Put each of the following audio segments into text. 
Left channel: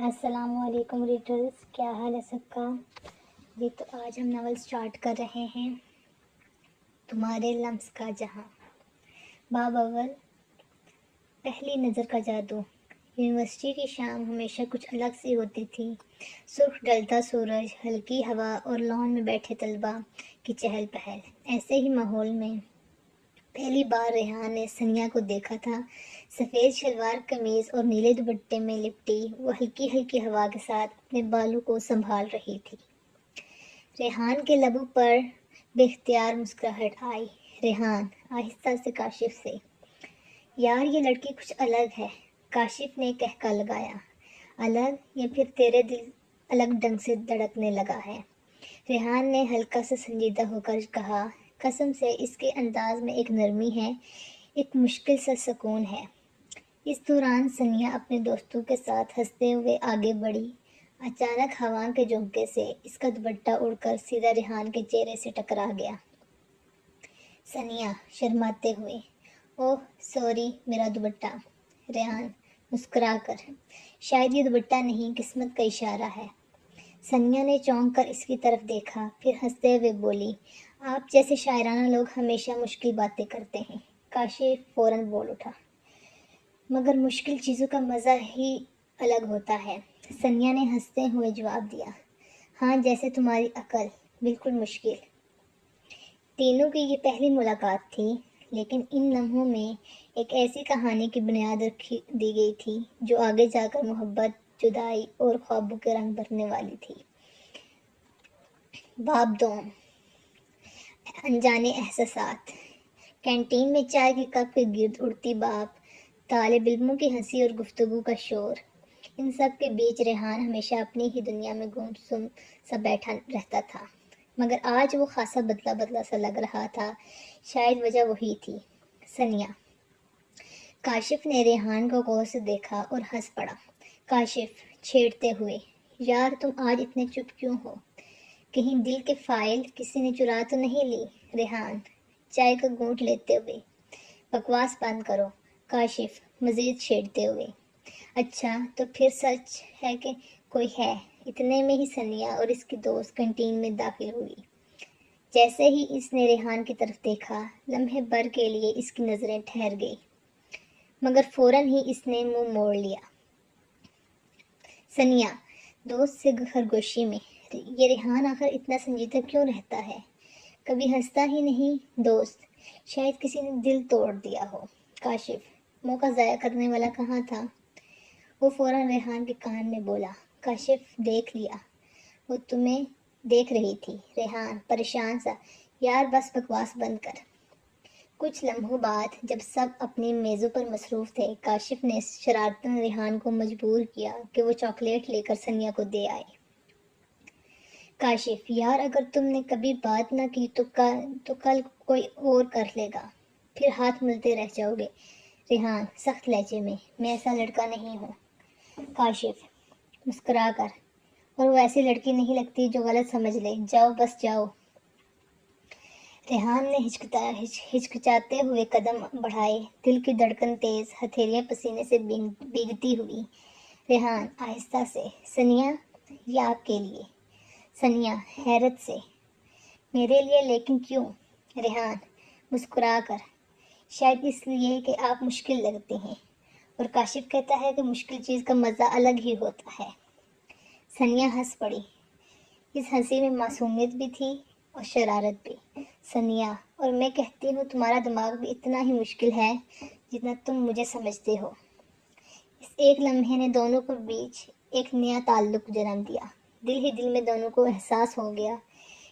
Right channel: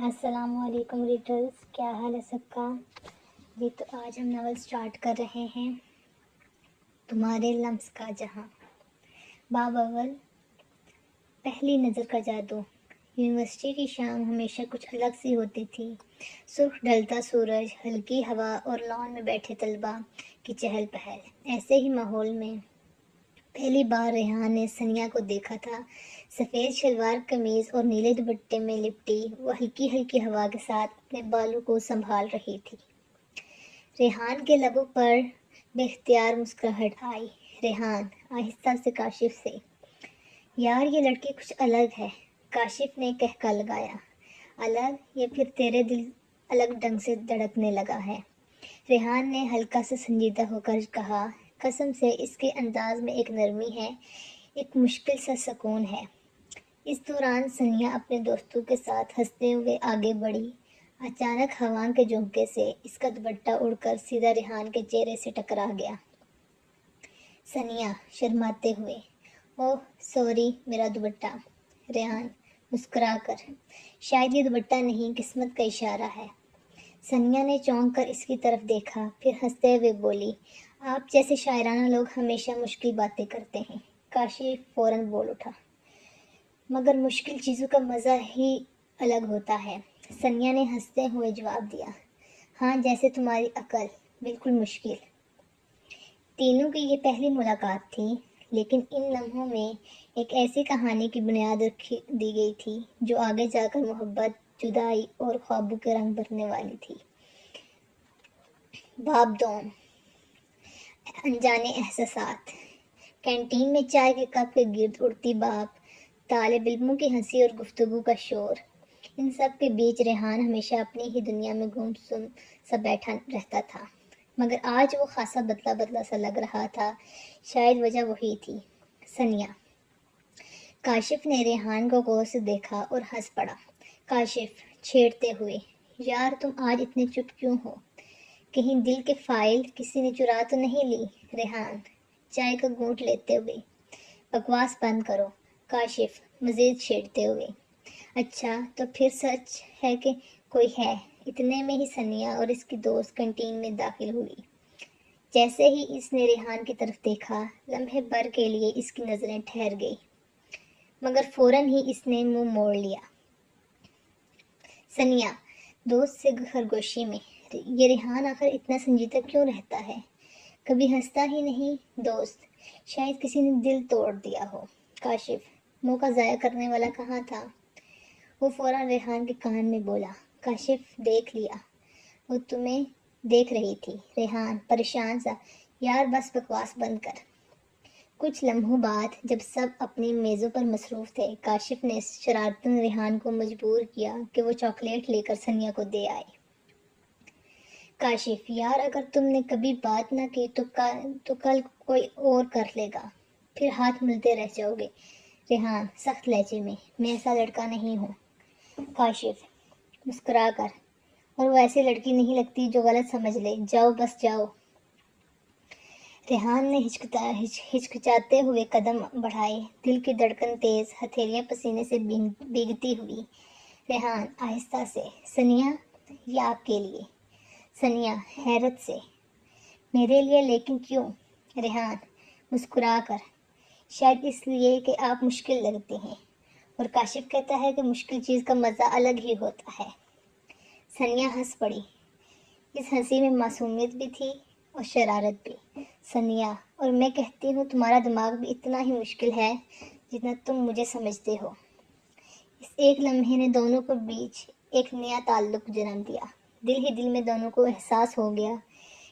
السلام علیکم ریڈرز، کیا حال ہے سب کا؟ جی تو آج ہم ناول سٹارٹ کر رہے ہیں تمہارے لمس کا جہاں۔ باب اول، پہلی نظر کا جادو۔ یونیورسٹی کی شام ہمیشہ کچھ الگ سی ہوتی تھی۔ سرخ ڈھلتا سورج، ہلکی ہوا اور لان میں بیٹھے طلباء کی چہل پہل۔ ایسے ہی ماحول میں پہلی بار ریحان نے ثنیا کو دیکھا تھا۔ سفید شلوار قمیض اور نیلے دوپٹے میں لپٹی وہ ہلکی ہلکی ہوا کے ساتھ اپنے بالوں کو سنبھال رہی تھی۔ ریحان کے لبوں پر بے اختیار مسکراہٹ آئی۔ ریحان آہستہ سے کاشف سے، یار یہ لڑکی کچھ الگ ہے، کاشف نے کہکا لگایا۔ الگ یا پھر تیرے دل الگ ڈھنگ سے دھڑکنے لگا ہے؟ ریحان نے ہلکا سا سنجیدہ ہو کر کہا، قسم سے اس کے انداز میں ایک نرمی ہے، ایک مشکل سا سکون ہے۔ اس دوران ثنیا اپنے دوستوں کے ساتھ ہنستے ہوئے آگے بڑھی۔ اچانک ہوا کے جھونکے سے اس کا دوپٹہ اڑ کر سیدھا ریحان کے چہرے سے ٹکرا گیا۔ ثنیا شرماتے ہوئے، اوہ سوری میرا دوپٹہ۔ ریحان مسکرا کر، شاید یہ دوپٹہ نہیں قسمت کا اشارہ ہے۔ ثنیا نے چونک کر اس کی طرف دیکھا، پھر ہنستے ہوئے بولی، آپ جیسے شاعرانہ لوگ ہمیشہ مشکل باتیں کرتے ہیں۔ کاشف فوراً بول اٹھا، مگر مشکل چیزوں کا مزہ ہی الگ ہوتا ہے۔ ثنیا نے ہنستے ہوئے جواب دیا، ہاں جیسے تمہاری عقل، بالکل مشکل۔ تینوں کی یہ پہلی ملاقات تھی، لیکن ان لمحوں میں ایک ایسی کہانی کی بنیاد رکھی دی گئی تھی جو آگے جا کر محبت، جدائی اور خوابوں کے رنگ بھرنے والی تھی۔ باب دوم، انجانے احساسات۔ کینٹین میں چائے کے کپ کے گرد اڑتی بھاپ، طالب علموں کی ہنسی اور گفتگو کا شور، ان سب کے بیچ ریحان ہمیشہ اپنی ہی دنیا میں گم سا بیٹھا رہتا تھا۔ مگر آج وہ خاصا بدلا بدلا سا لگ رہا تھا۔ شاید وجہ وہی تھی، ثنیا۔ کاشف نے ریحان کو غور سے دیکھا اور ہنس پڑا۔ کاشف چھیڑتے ہوئے، یار تم آج اتنے چپ کیوں ہو؟ کہیں دل کے فائل کسی نے چرا تو نہیں لی؟ ریحان چائے کا گھونٹ لیتے ہوئے، بکواس بند کرو۔ کاشف مزید چھیڑتے ہوئے، اچھا تو پھر سچ ہے کہ کوئی ہے؟ اتنے میں ہی ثنیا اور اس کی دوست کینٹین میں داخل ہوئی۔ جیسے ہی اس نے ریحان کی طرف دیکھا، لمحے بھر کے لیے اس کی نظریں ٹھہر گئی، مگر فوراً ہی اس نے منہ موڑ لیا۔ ثنیا دوست سے خرگوشی میں، یہ ریحان آخر اتنا سنجیدہ کیوں رہتا ہے؟ کبھی ہنستا ہی نہیں؟ دوست شاید کسی نے دل توڑ دیا ہو۔ کاشف موقع ضائع کرنے والا کہاں تھا؟ وہ فوراً ریحان کے کان میں بولا، کاشف دیکھ لیا، وہ تمہیں دیکھ رہی تھی۔ ریحان پریشان سا، یار بس بکواس بند کر۔ کچھ لمحوں بعد جب سب اپنی میزوں پر مصروف تھے، کاشف نے شرارتاً ریحان کو مجبور کیا کہ وہ چاکلیٹ لے کر ثنیا کو دے آئے۔ کاشف، یار اگر تم نے کبھی بات نہ کی تو کل کوئی اور کر لے گا، پھر ہاتھ ملتے رہ جاؤ گے۔ ریحان سخت لہجے میں، میں ایسا لڑکا نہیں ہوں۔ کاشف مسکرا کر، اور وہ ایسی لڑکی نہیں لگتی جو غلط سمجھ لے، جاؤ بس جاؤ۔ ریحان نے ہچکچاتے ہوئے قدم بڑھائے، دل کی دھڑکن تیز، ہتھیلیاں پسینے سے بھیگتی ہوئی۔ ریحان آہستہ سے، ثنیا یہ آپ کے لیے۔ ثنیا حیرت سے، میرے لیے لیکن کیوں؟ ریحان مسکرا کر، شاید اس لیے کہ آپ مشکل لگتے ہیں، اور کاشف کہتا ہے کہ مشکل چیز کا مزہ الگ ہی ہوتا ہے۔ ثنیا ہنس پڑی، اس ہنسی میں معصومیت بھی تھی اور شرارت بھی۔ ثنیا اور میں کہتی ہوں تمہارا دماغ بھی اتنا ہی مشکل ہے جتنا تم مجھے سمجھتے ہو۔ اس ایک لمحے نے دونوں کے بیچ ایک نیا تعلق جنم دیا۔ دل ہی دل میں دونوں کو احساس ہو گیا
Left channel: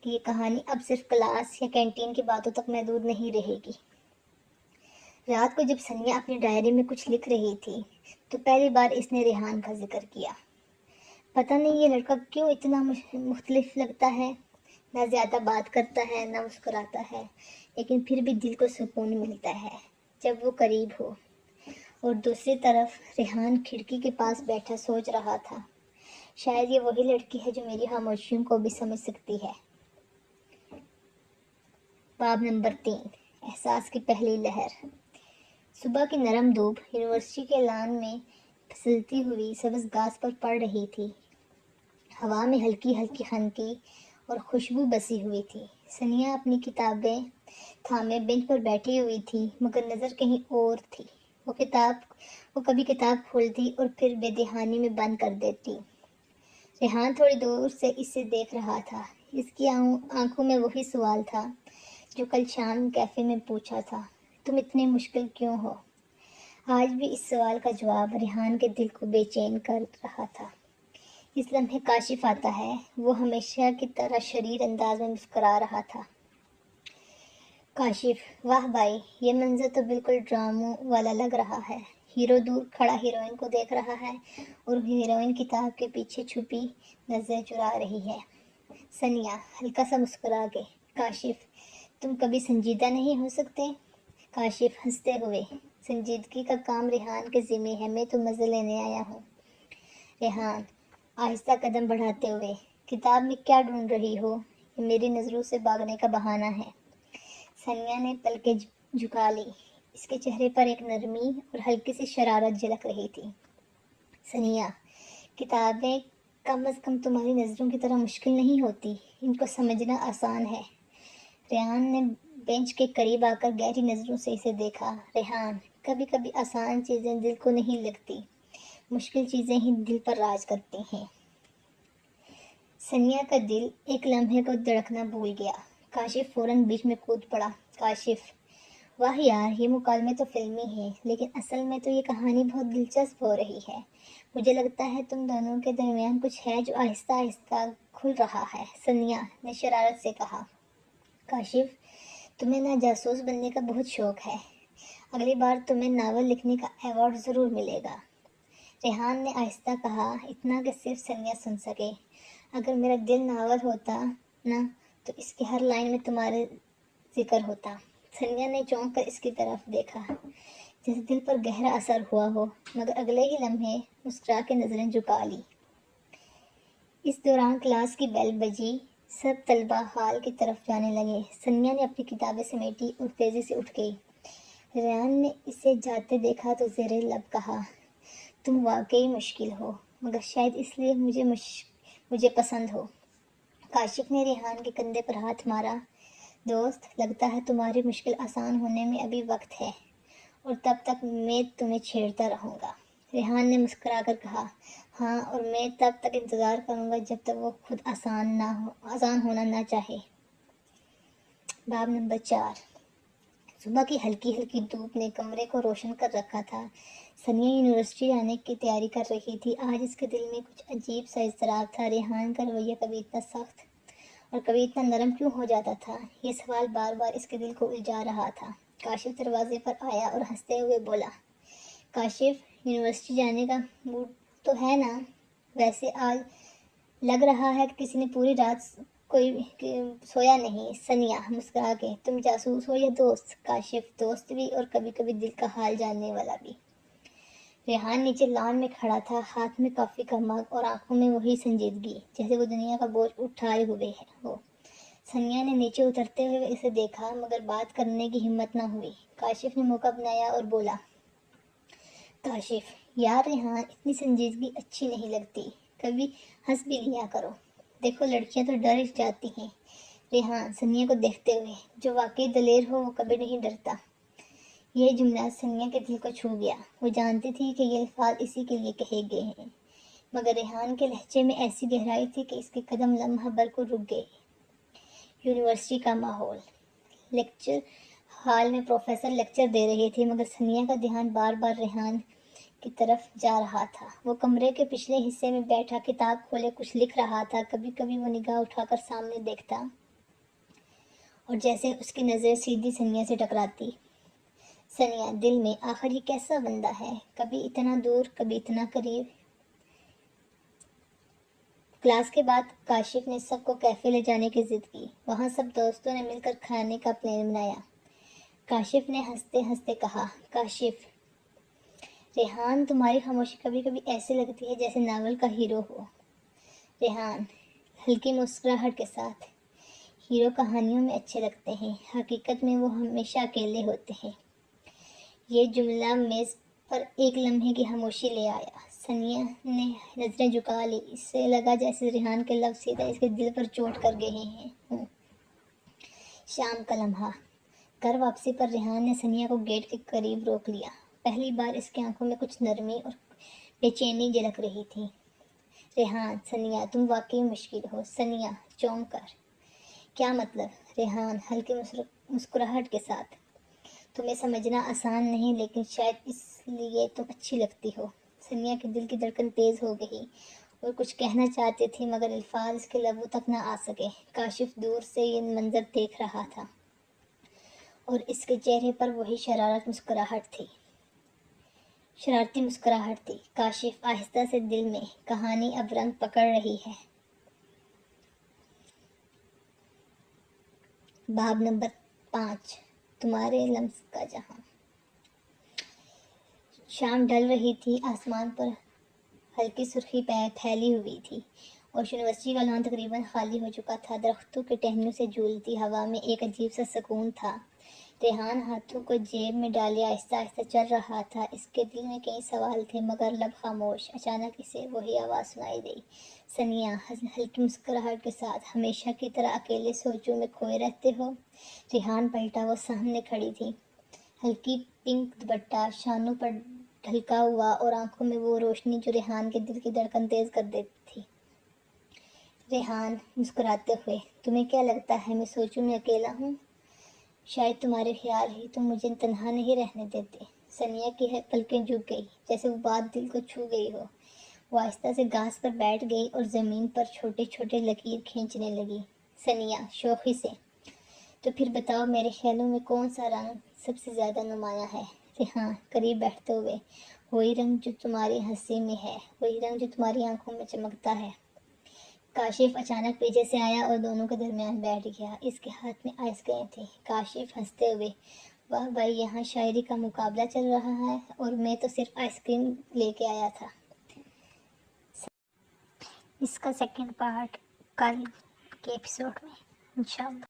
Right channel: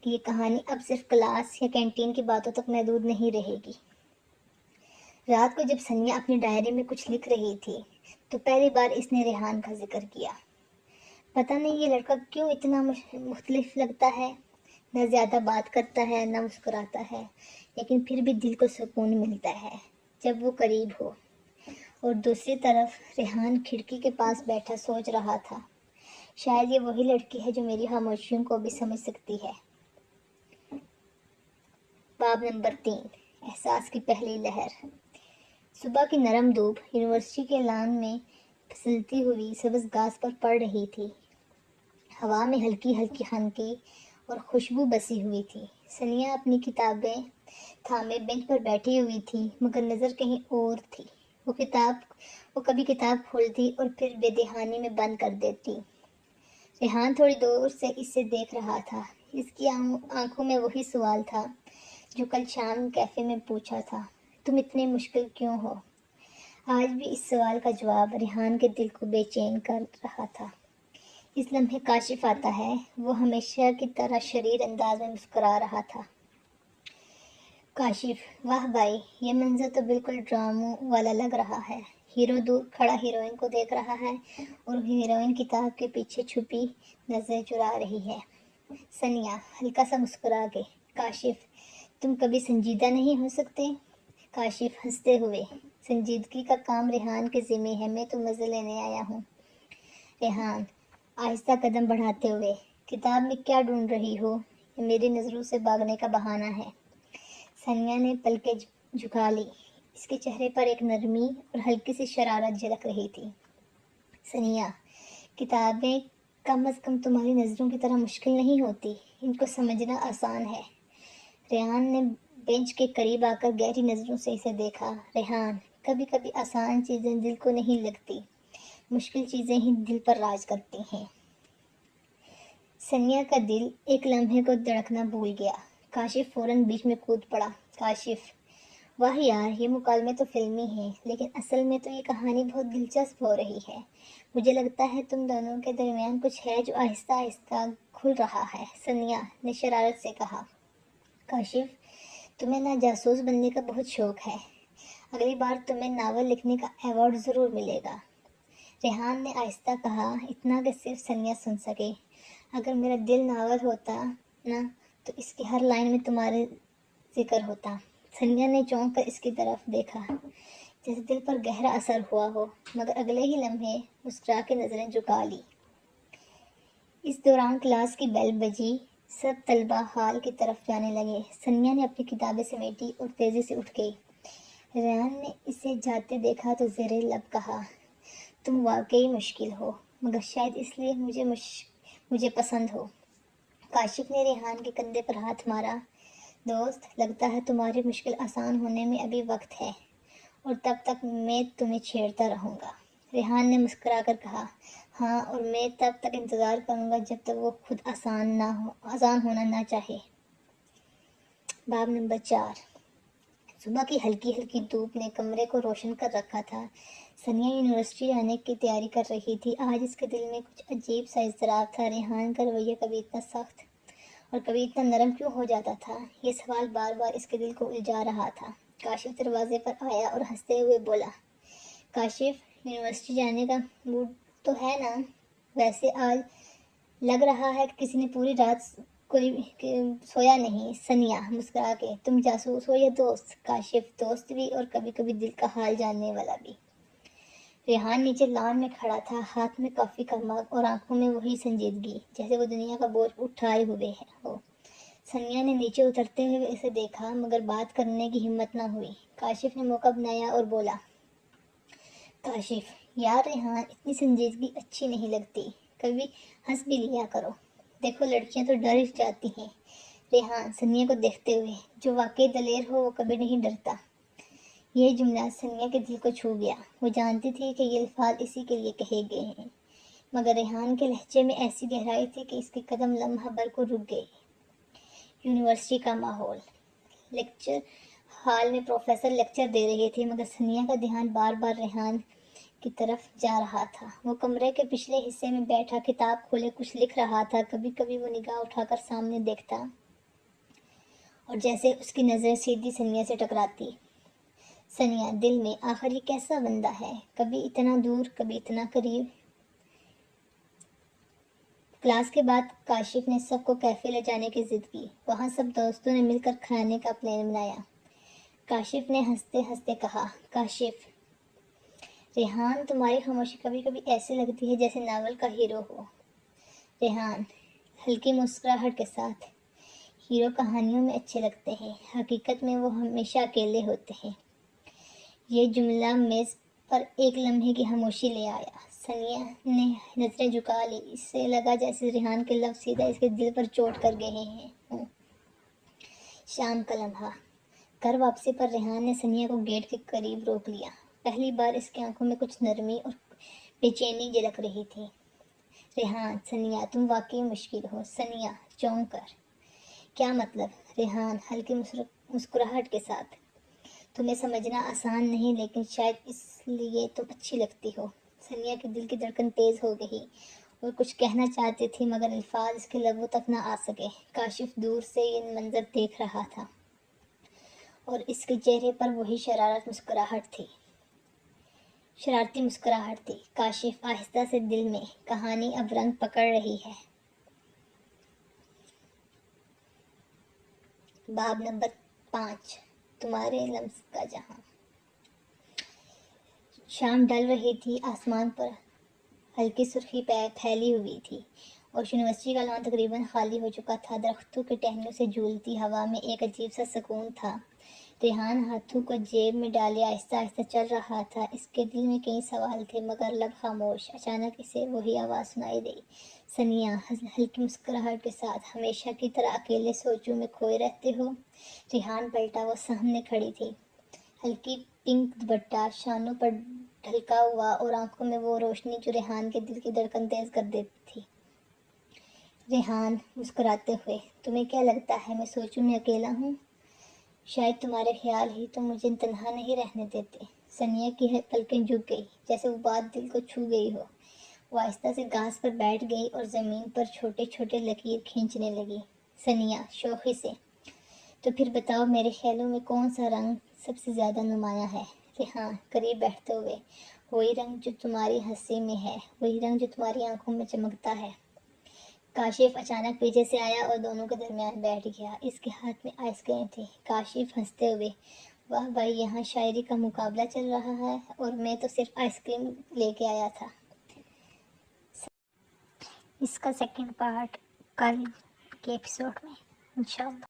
کہ یہ کہانی اب صرف کلاس یا کینٹین کی باتوں تک محدود نہیں رہے گی۔ رات کو جب ثنیا اپنی ڈائری میں کچھ لکھ رہی تھی تو پہلی بار اس نے ریحان کا ذکر کیا۔ پتہ نہیں یہ لڑکا کیوں اتنا مختلف لگتا ہے، نہ زیادہ بات کرتا ہے نہ مسکراتا ہے، لیکن پھر بھی دل کو سکون ملتا ہے جب وہ قریب ہو۔ اور دوسری طرف ریحان کھڑکی کے پاس بیٹھا سوچ رہا تھا، شاید یہ وہی لڑکی ہے جو میری خاموشیوں کو بھی سمجھ سکتی ہے۔ باب نمبر 3، احساس کی پہلی لہر۔ صبح کی نرم دھوپ یونیورسٹی کے لان میں پھسلتی ہوئی سبز گھاس پر پڑ رہی تھی۔ ہوا میں ہلکی ہلکی خنکی اور خوشبو بسی ہوئی تھی۔ ثانیہ اپنی کتابیں تھامے بینچ پر بیٹھی ہوئی تھی، مگر نظر کہیں اور تھی۔ وہ کبھی کتاب کھولتی اور پھر بے دہانی میں بند کر دیتی۔ ریحان تھوڑی دور سے اسے دیکھ رہا تھا۔ اس کی آنکھوں میں وہی سوال تھا جو کل شام کیفے میں پوچھا تھا، تم اتنے مشکل کیوں ہو؟ آج بھی اس سوال کا جواب ریحان کے دل کو بے چین کر رہا تھا۔ اس لمحے کاشف آتا ہے۔ وہ ہمیشہ کی طرح شریر انداز میں مسکرا رہا تھا۔ کاشف: واہ بھائی، یہ منظر تو بالکل ڈراموں والا لگ رہا ہے۔ ہیرو دور کھڑا ہیروئن کو دیکھ رہا ہے اور ہیروئن کتاب کے پیچھے چھپی نظریں چرا رہی ہے۔ ثانیہ ہلکا سا مسکرا کے: کاشف، تم کبھی سنجیدہ نہیں ہو سکتے؟ کاشف ہنستے ہوئے: سنجیدگی کا کام ریحان کے ذمہ ہے، میں تو مزے لینے آیا ہوں۔ ریحان آہستہ قدم بڑھاتے ہوئے: کتاب میں کیا ڈھونڈ رہی ہو؟ یہ میری نظروں سے بھاگنے کا بہانہ ہے۔ ثانیہ نے پلکیں جھکا لی۔ اس کے چہرے پر ایک نرمی اور ہلکی سی شرارت جھلک رہی تھی۔ ثانیہ: کتابیں کم از کم تمہاری نظروں کی طرح مشکل نہیں ہوتی، ان کو سمجھنا آسان ہے۔ ریحان نے بینچ کے قریب آ کر گہری نظروں سے اسے دیکھا۔ ریحان: کبھی کبھی آسان چیزیں دل کو نہیں لگتی، مشکل چیزیں ہی دل پر راج کرتی ہیں۔ ثانیہ کا دل ایک لمحے کو دھڑکنا بھول گیا۔ کاشف فوراً بیچ میں کود پڑا۔ کاشف: واہ یار، یہ مکالمے تو فلمی ہیں، لیکن اصل میں تو یہ کہانی بہت دلچسپ ہو رہی ہے۔ مجھے لگتا ہے تم دونوں کے درمیان کچھ ہے جو آہستہ آہستہ کھل رہا ہے، ثانیہ نے شرارت سے کہا۔ کاشف: تمہیں نا جاسوس بننے کا بہت شوق ہے، اگلی بار تمہیں ناول لکھنے کا ایوارڈ ضرور ملے گا۔ ریحان نے آہستہ کہا، اتنا کہ صرف ثانیہ سن سکے۔ اگر میرا دل ناول ہوتا نا تو اس کی ہر لائن میں تمہارے ذکر ہوتا۔ ثانیہ نے چونک کر اس کی طرف دیکھا جیسے دل پر گہرا اثر ہوا ہو، مگر اگلے ہی لمحے مسکرا کے نظریں جھکا لی۔ اس دوران کلاس کی بیل بجی، سب طلبہ ہال کی طرف جانے لگے۔ ثانیہ نے اپنی کتابیں سمیٹی اور تیزی سے اٹھ گئی۔ ریحان نے اسے جاتے دیکھا تو زیر لب کہا، تم واقعی مشکل ہو، مگر شاید اس لیے مجھے پسند ہو۔ کاشف نے ریحان کے کندھے پر ہاتھ مارا۔ دوست، لگتا ہے تمہاری مشکل آسان ہونے میں ابھی وقت ہے، اور تب تک میں تمہیں چھیڑتا رہوں گا۔ ریحان نے مسکرا کر کہا، ہاں، اور میں تب تک انتظار کروں گا جب تک وہ خود آسان ہونا نہ چاہے۔ باب نمبر 4۔ صبح کی ہلکی ہلکی دھوپ نے کمرے کو روشن کر رکھا تھا۔ ثانیہ یونیورسٹی جانے کی تیاری کر رہی تھی۔ آج اس کے دل میں کچھ عجیب سا اضطراب تھا۔ ریحان کا رویہ کبھی اتنا سخت اور کبھی اتنا نرم کیوں ہو جاتا تھا؟ یہ سوال بار بار اس کے دل کو الجھا رہا تھا۔ کاشف دروازے پر آیا اور ہنستے ہوئے بولا، کاشف، یونیورسٹی جانے کا موڈ تو ہے نا؟ ویسے آج لگ رہا ہے کہ کسی نے پوری رات کوئی سویا نہیں۔ ثانیہ مسکرا کے، تم جاسوس ہو یا دوست؟ کاشف، دوست بھی اور کبھی کبھی دل کا حال جاننے والا بھی۔ ریحان نیچے لان میں کھڑا تھا، ہاتھ میں کافی کا مگ اور آنکھوں میں وہی سنجیدگی جیسے وہ دنیا کا بوجھ اٹھائے ہوئے ہو۔ ثانیہ نے نیچے اترتے ہوئے اسے دیکھا، مگر بات کرنے کی ہمت نہ ہوئی۔ کاشف نے موقع بنایا اور بولا، کاشف، یار ریحان، اتنی سنجیدگی اچھی نہیں لگتی، کبھی ہنس بھی لیا کرو۔ دیکھو لڑکیاں تو ڈر جاتی ہیں۔ ریحان ثانیہ کو دیکھتے ہوئے، جو واقعی دلیر ہو وہ کبھی نہیں ڈرتا۔ یہ جملہ ثانیہ کے دل کو چھو گیا۔ وہ جانتی تھی کہ یہ الفاظ اسی کے لیے کہے گئے ہیں، مگر ریحان کے لہجے میں ایسی گہرائی تھی کہ اس کے قدم لمحہ بھر کو رک گئے۔ یونیورسٹی کا ماحول۔ لیکچر ہال میں پروفیسر لیکچر دے رہے تھے، مگر ثانیہ کا دھیان بار بار ریحان کی طرف جا رہا تھا۔ وہ کمرے کے پچھلے حصے میں بیٹھا کتاب کھولے کچھ لکھ رہا تھا۔ کبھی کبھی وہ نگاہ اٹھا کر سامنے دیکھتا اور جیسے اس کی نظر سیدھی ثانیہ سے ٹکراتی۔ ثانیہ دل میں، آخر یہ کیسا بندہ ہے، کبھی اتنا دور کبھی اتنا قریب۔ کلاس کے بعد کاشف نے سب کو کیفے لے جانے کی ضد کی۔ وہاں سب دوستوں نے مل کر کھانے کا پلان بنایا۔ کاشف نے ہنستے ہنستے کہا، کاشف، ریحان تمہاری خاموشی کبھی کبھی ایسے لگتی ہے جیسے ناول کا ہیرو ہو۔ ریحان ہلکی مسکراہٹ کے ساتھ، ہیرو کہانیوں میں اچھے لگتے ہیں، حقیقت میں وہ ہمیشہ اکیلے ہوتے ہیں۔ یہ جملہ میز اور ایک لمحے کی خاموشی لے آیا۔ ثانیہ نے نظریں جھکا لی، اس سے لگا جیسے ریحان کے لفظ سیدھا اس کے دل پر چوٹ کر گئے ہوں۔ شام کا لمحہ، گھر واپسی پر ریحان نے ثانیہ کو گیٹ کے قریب روک لیا۔ پہلی بار اس کی آنکھوں میں کچھ نرمی اور بے چینی جھلک رہی تھی۔ ریحان، ثانیہ تم واقعی مشکل ہو۔ ثانیہ چونک کر، کیا مطلب؟ ریحان ہلکی مسکراہٹ کے ساتھ، تمہیں سمجھنا آسان نہیں لیکن شاید اس لیے تم اچھی لگتی ہو۔ ثانیہ کے دل کی دھڑکن تیز ہو گئی اور کچھ کہنا چاہتی تھی مگر الفاظ اس کے لبوں تک نہ آ سکے۔ کاشف دور سے یہ منظر دیکھ رہا تھا اور اس کے چہرے پر وہی شرارتی مسکراہٹ تھی۔ کاشف آہستہ سے، دل میں کہانی اب رنگ پکڑ رہی ہے۔ باب نمبر 5، تمہارے لمس کا جہاں۔ شام ڈل رہی تھی، آسمان پر ہلکی سرخی پھیلی ہوئی تھی اور یونیورسٹی کا لان تقریباً خالی ہو چکا تھا۔ درختوں کی ٹہنیوں سے جھولتی ہوا میں ایک عجیب سا سکون تھا۔ ریحان ہاتھوں کو جیب میں ڈالے آہستہ آہستہ چل رہا تھا۔ اس کے دل میں کئی سوال تھے مگر لب خاموش۔ اچانک اسے وہی آواز سنائی دی، ثانیہ ہلکی مسکراہٹ کے ساتھ، ہمیشہ کی طرح اکیلے سوچوں میں کھوئے رہتے ہو؟ ریحان پلٹا، وہ سامنے کھڑی تھی، ہلکی پنک دوپٹہ شانوں پر ڈھلکا ہوا اور آنکھوں میں وہ روشنی جو ریحان کے دل کی دھڑکن تیز کر دیتی تھی۔ ریحان مسکراتے ہوئے، تمہیں کیا لگتا ہے میں سوچوں میں اکیلا ہوں؟ شاید تمہارے خیال ہی تو مجھے تنہا نہیں رہنے دیتے۔ ثانیہ کی پلکیں جھک گئی، جیسے وہ بات دل کو چھو گئی ہو۔ وہ آہستہ سے گھاس پر بیٹھ گئی اور زمین پر چھوٹے چھوٹے لکیر کھینچنے لگی۔ ثانیہ شوخی سے، تو پھر بتاؤ میرے خیالوں میں کون سا رنگ سب سے زیادہ نمایاں ہے؟ ریحان قریب بیٹھتے ہوئے، وہی رنگ جو تمہاری ہنسی میں ہے، وہی رنگ جو تمہاری آنکھوں میں چمکتا ہے۔ کاشف اچانک پیچھے سے آیا اور دونوں کے درمیان بیٹھ گیا۔ اس کے ہاتھ میں آئس کریم تھی۔ کاشف ہنستے ہوئے، واہ بھائی، یہاں شاعری کا مقابلہ چل رہا ہے اور میں تو صرف آئس کریم لے کے آیا تھا۔ اس کا سیکنڈ پارٹ کل کے ایپیسوڈ میں انشاءاللہ۔